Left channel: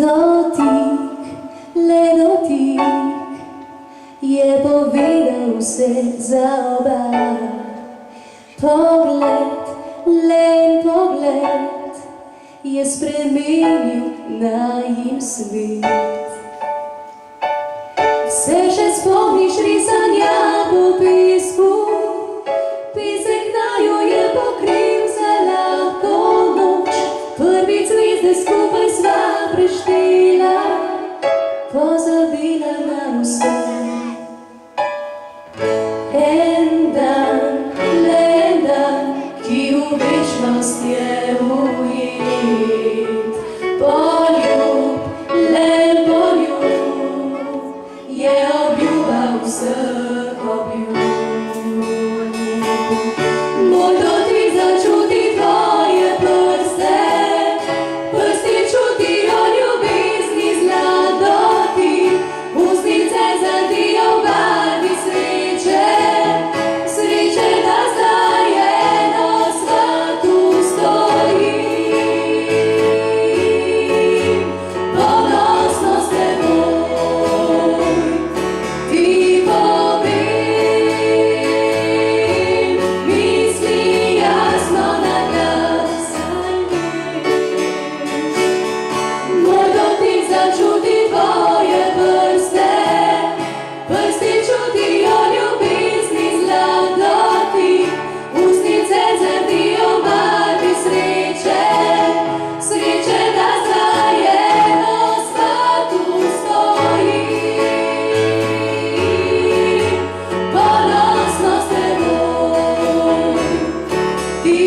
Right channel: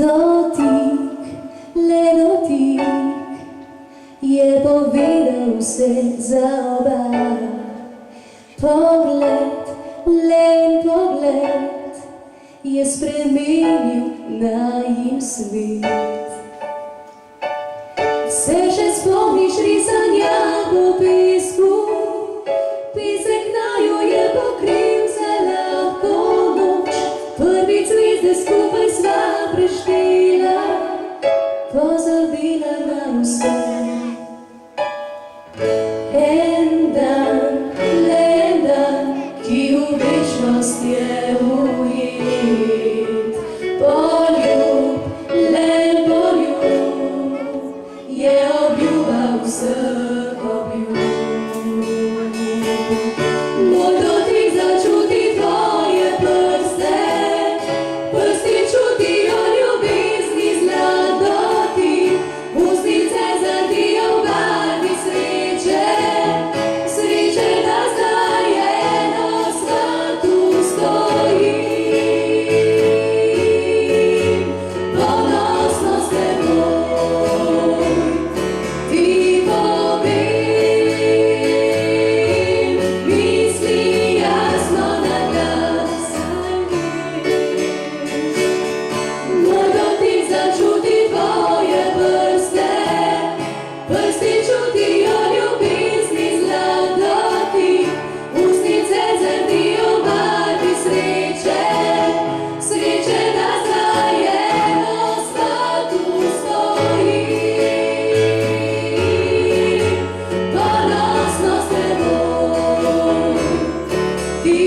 Dotik, le dotik je povedal vse za oba. Pogled, len pogled je spremenil najin svet. Se še spomniš risanja po pismu? Pisek naju je pokril za lahko noč. Prvi zvezde skupaj sva preštela, pozabila na vse. En dan, ki v večnost je ujet. Poljub, len poljub je obljuba vseh obljub. Moj dotik začuti tvoje prste, prsti čutijo ljubezni zladoti, ustnice zadijo v barvi sreče, sreče, da zdaj eno svatu stojim. Ponosno s teboj ti povem, misli jasno na glas. Moj dotik začuti tvoje prste, prsti čutijo ljubezni zladoti, ustnice zrdijo v barvi sreče, sreče, da zdaj eno svatu stojim. Ponosno s teboj ti